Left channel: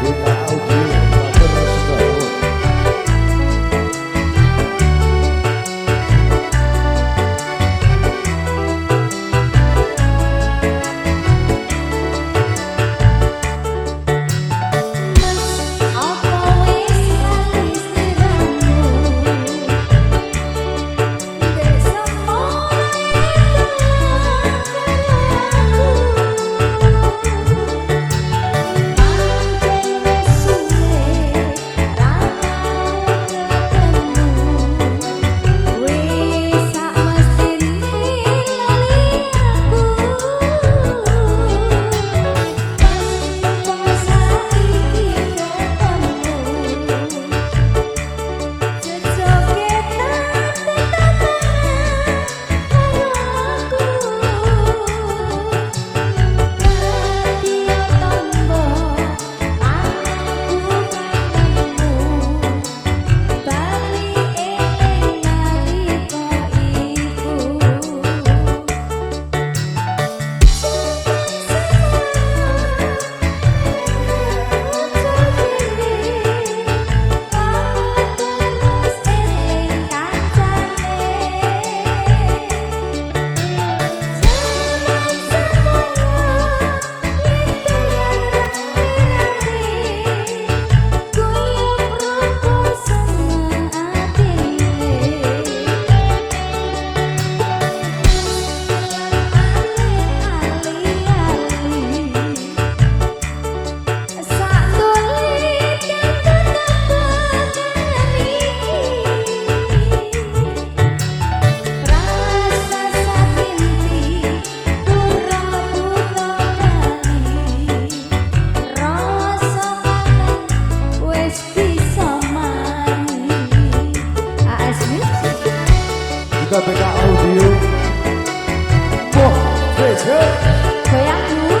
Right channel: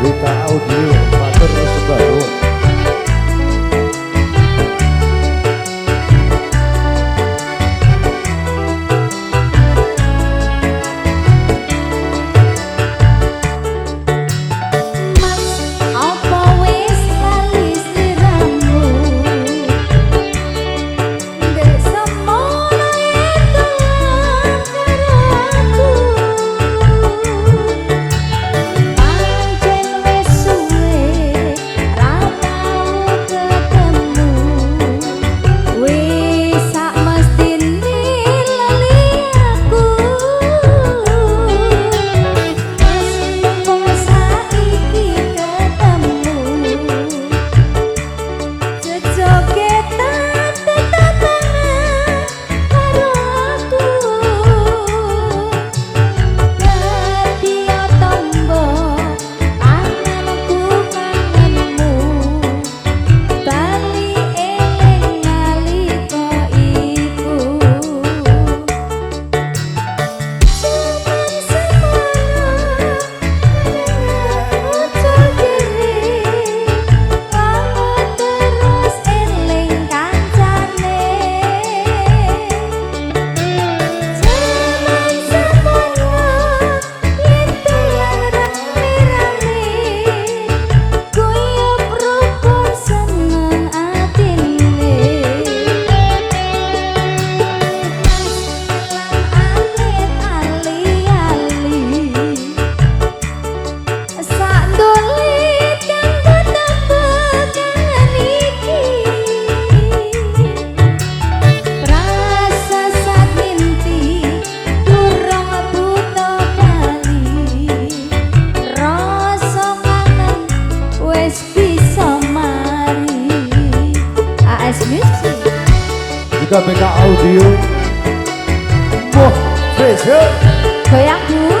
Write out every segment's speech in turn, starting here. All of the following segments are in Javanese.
BK Audio matur sembah nuwun. Mas apa wis lali sliramu ndek semono itu karo aku pancen wis suwe ra tau ketemu wis sak mestine lali aku mas mumpung saiki ketemu jejogetan tetangan karo aku dadi tombo kangenku kangenmu bali eling nalika iku jaman semono ojo dhewe wangun terus eling kancane jaman semono yen dolan rame-rame guyub rukun seneng atine mas gelang alit ali-ali sak ndolit kang ketembek kangen iki prasasat nginti durung buta bali rasa kangen wis bisa mari AS Music Juga BK Audio Moh Besok goyang Bu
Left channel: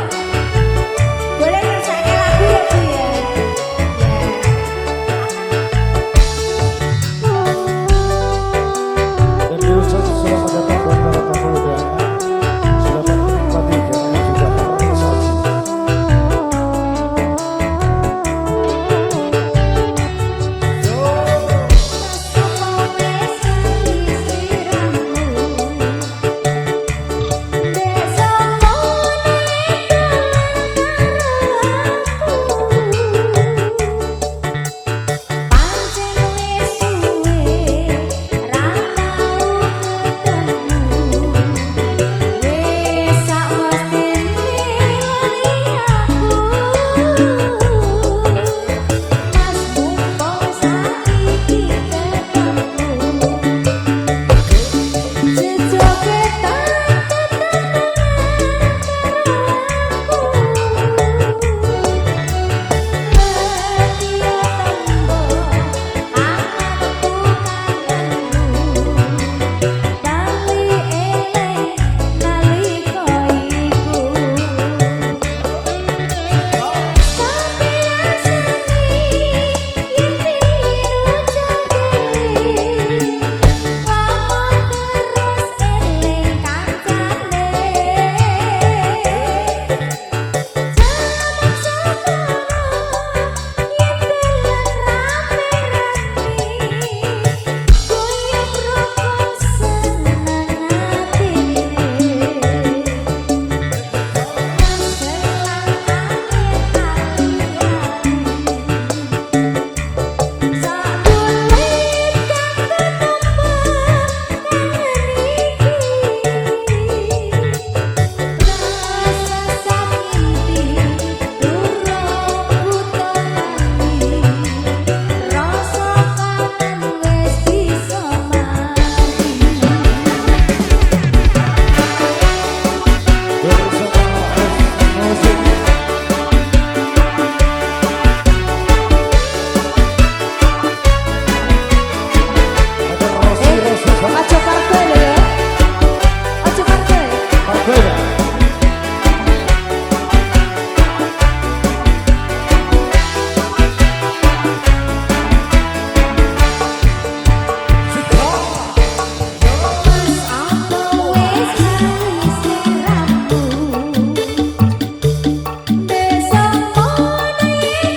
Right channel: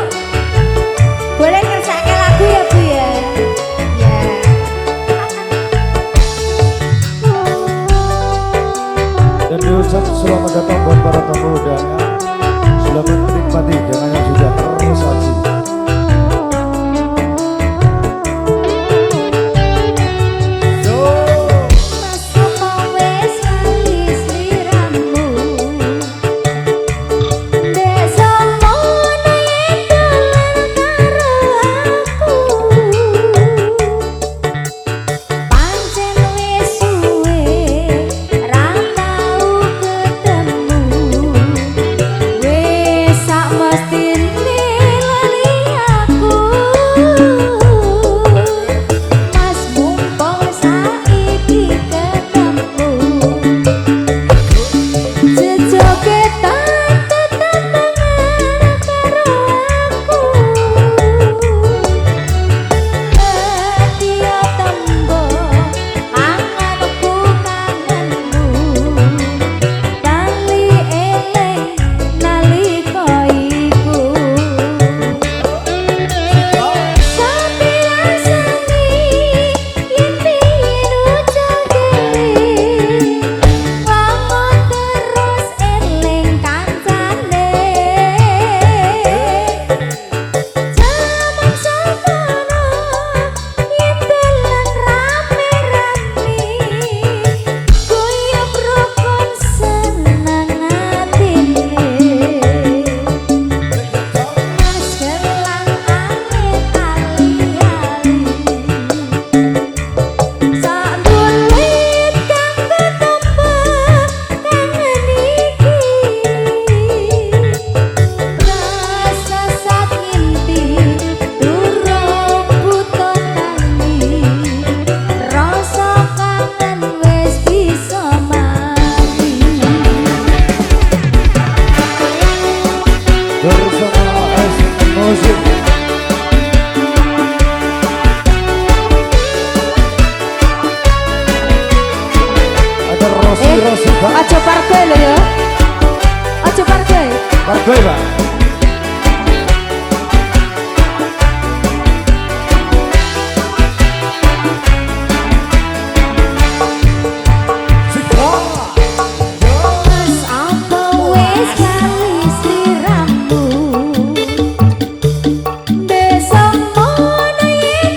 boleh ngersake lagu ya Bu ya ya dan diucap selamat datang buat para tamu undangan. Selamat menikmati dengan yang sudah tersaji. Mas apa wis lali sliramu ndek semono yen dolan karo aku pancen wis suwe ra tau ketemu wis sak mestine lali aku mas mumpung saiki ketemu jejogetan tetangan karo aku dadi tombo kangenku kangenmu bali eling nalika iku sampe rasane yen biyen ucap dhewe wangun terus eling kancane jaman semono yen dolan rame-rame guyub rukun seneng atine mas gelang alit ali-ali sak ndolit kang ketembek kangen iki prasasat nginti durung buta tangi rasa kangen wis bisa mari Bersama AS Music. Ada Rosi Pak. aja pargoy lho ya aja pargoy Pargoy Pak. Sika. Yo. mas apa wis lali sliramu ndek semono yen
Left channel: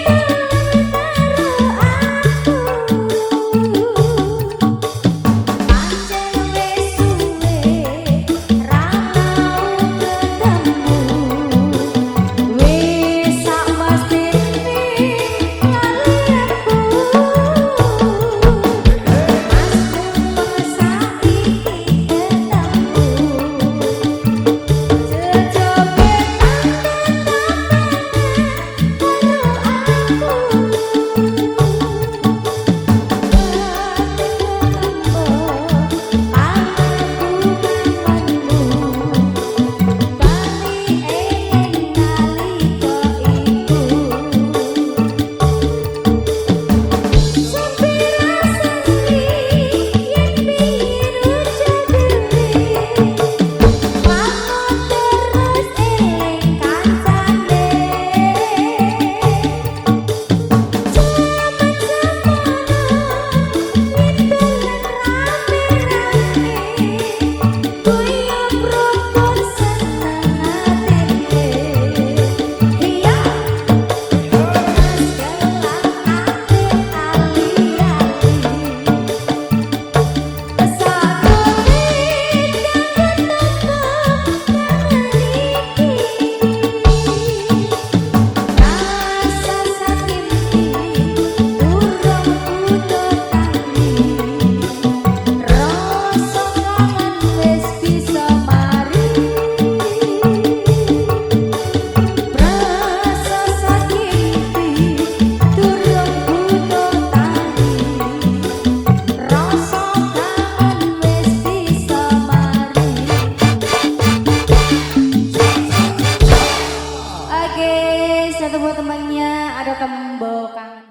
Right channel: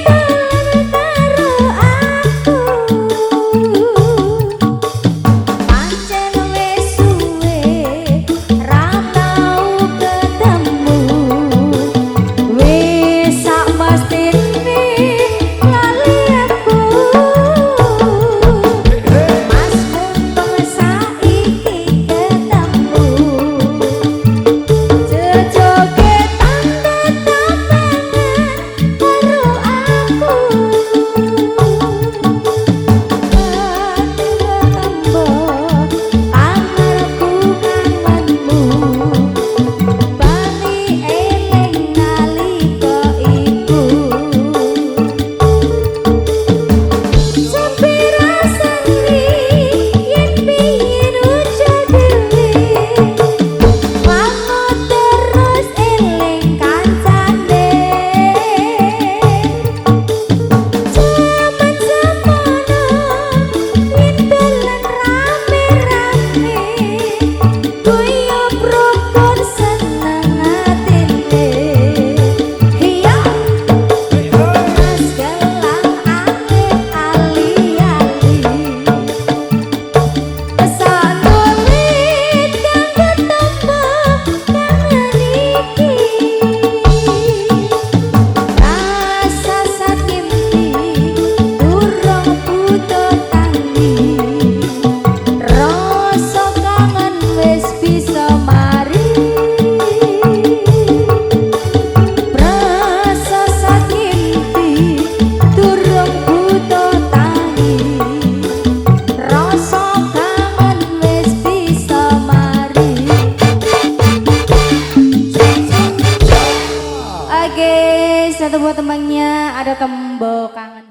semuanya ada tembok kangen.